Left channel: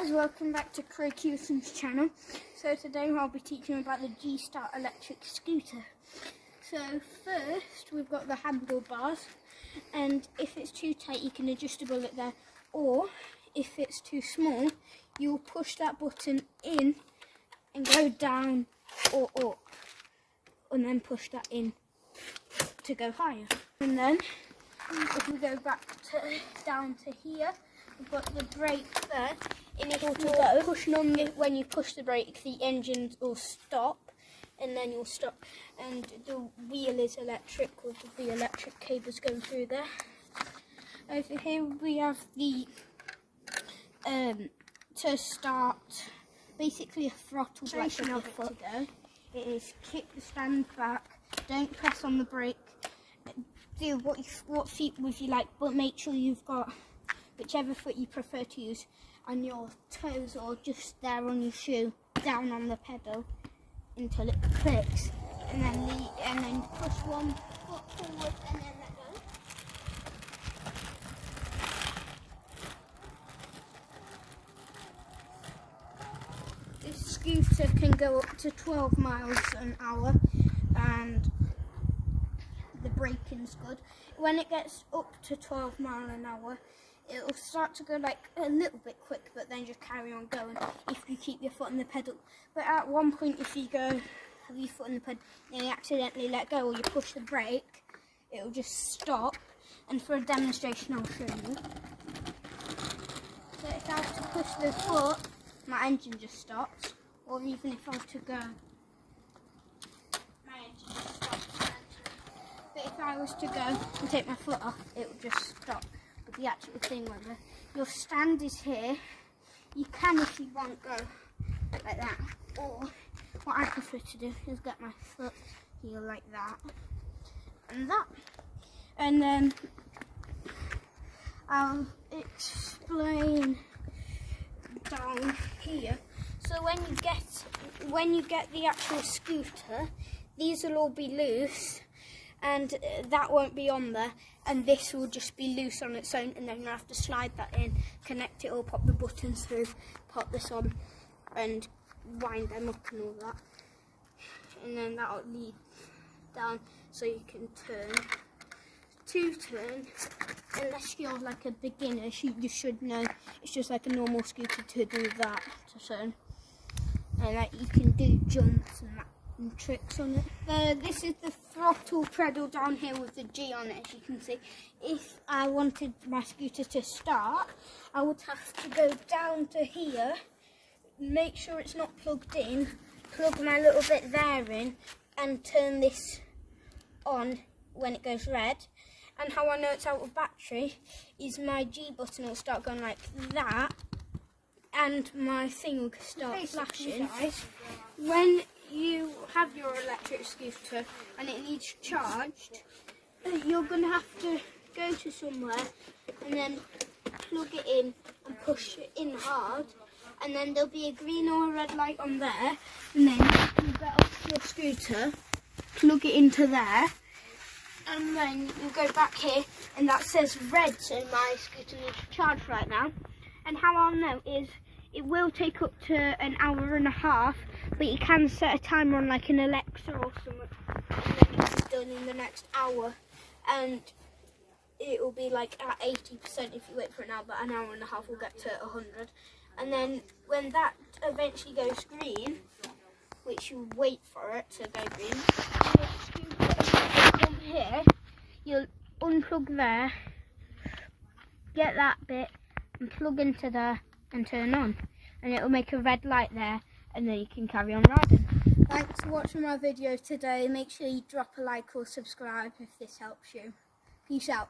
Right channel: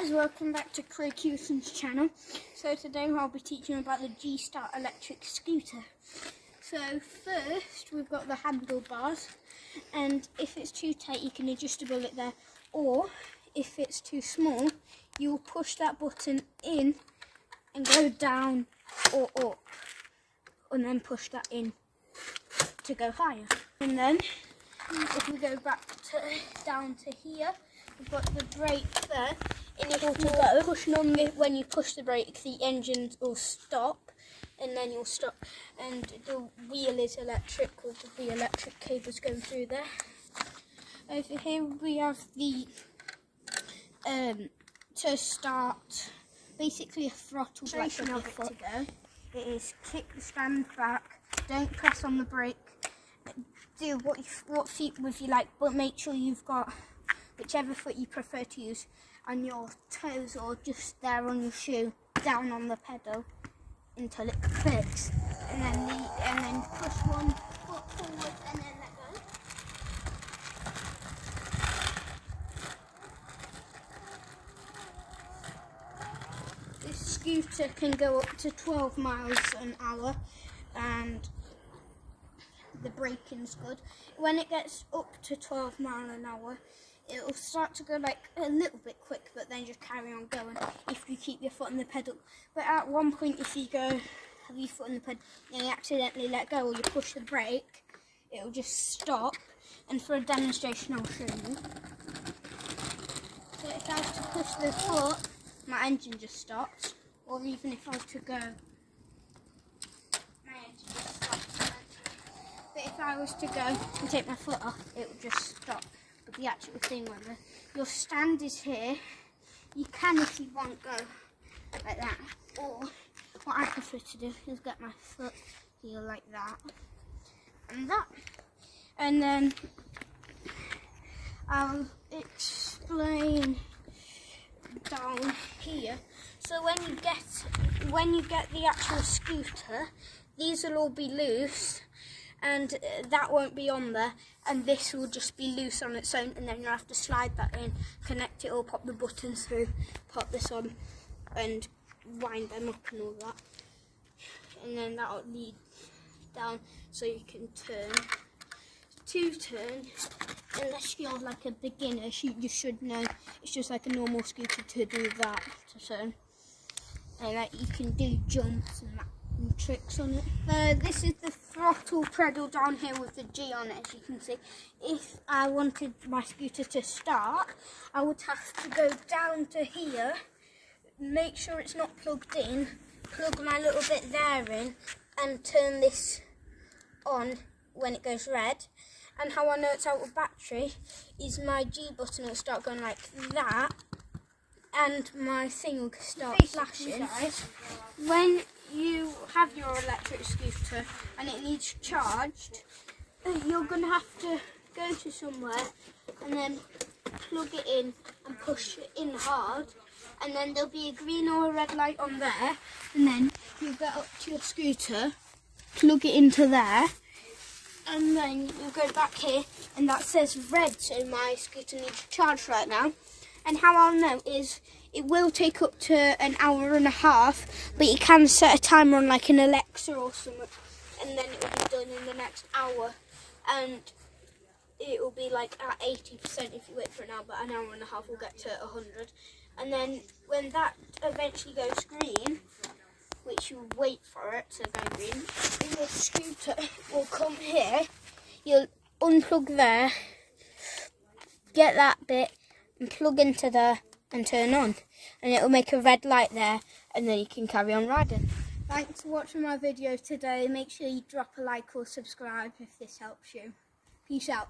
guys, welcome back to Craig Hewson's channel. So today I'll be teaching you about the G-Start electric scooter. So first we've got the handlebars, and if it's too tight you can adjustable it there, or if it's too small you'll push that button in and go down or up, and then push that in to go higher. And then if we go back down to here, we've got the brake there. In order to go, pushing on when you push the brake, the engine will stop, and then you'll stop. And the wheel is electric with the electric cables going through there. Over here we have the to start, basically a throttle like of foot. It is kick the stand back, don't press on the brake. Do what feet with you like, but make sure you've got whichever foot you prefer to use on your toes or just there on your shoe, down on the pedal until it clicks, and then push one foot forward and then let go. This scooter can go up to 12 miles an hour, and the braking's good. When it gets up to 12 miles an hour, it'll start to go like a little bit quick, but then just carry on going if you keep your foot on the pedal. But at one point, if you go have your foot on the pedal and you accidentally let go or you push the brake, it'll just stop. And for a demonstration, I'll show you. So if I was to push the foot, my engine just stops. Or even if I was to go, my engine just stops. But if I was to go and take my foot off, it would just stop. But the actual thing, whether your stand is here, you can, if you want, go like that. Or what I prefer to do is get my foot here like that and that. And then I'll explain down here. So when you get the actual scooter, these will all be loose, and that won't be on there, and this will just be loose on its own, and then you'll have to slide that in, connect it all, pop the buttons through, pop this on, and wind them up and all that. And then that'll lead down so you can turn. To turn, unless you're like a beginner, you should know it's just like a normal scooter to do that, to turn. And like you can do jumps and that. And tricks on it. This is the throttle pedal down here with the G on it, as you can see. If I wanted my scooter to start, I would have to go down to here, make sure it's not plugged in, plug my little bit there in, and turn this on when it goes red. And how I know it's out of battery is my G button will start going like that, and my thing will start flashing. When you have your electric scooter and it needs charged, you're going to have to go to somewhere and then plug it in and push it in hard, and then there'll be a green or a red light on there, and then you get up to your scooter, plug it into there, and then you go back here and that says red, so my scooter needs charge right now. And how I'll know is it will take up to an hour and a half, but you can set a timer on like an Alexa or something, and then it'll be done in the next hour, and it will be like at 80% if you wait for an hour, but an hour and a half will get to 100. And then when that eventually goes green, which you wait for it to go green, your scooter will come here, you'll unplug there, get that bit and plug into there and turn on, and it will make a red light there, and then you can carry on riding. Thanks for watching my video today. Make sure you drop a like or subscribe if this helps you. Peace out.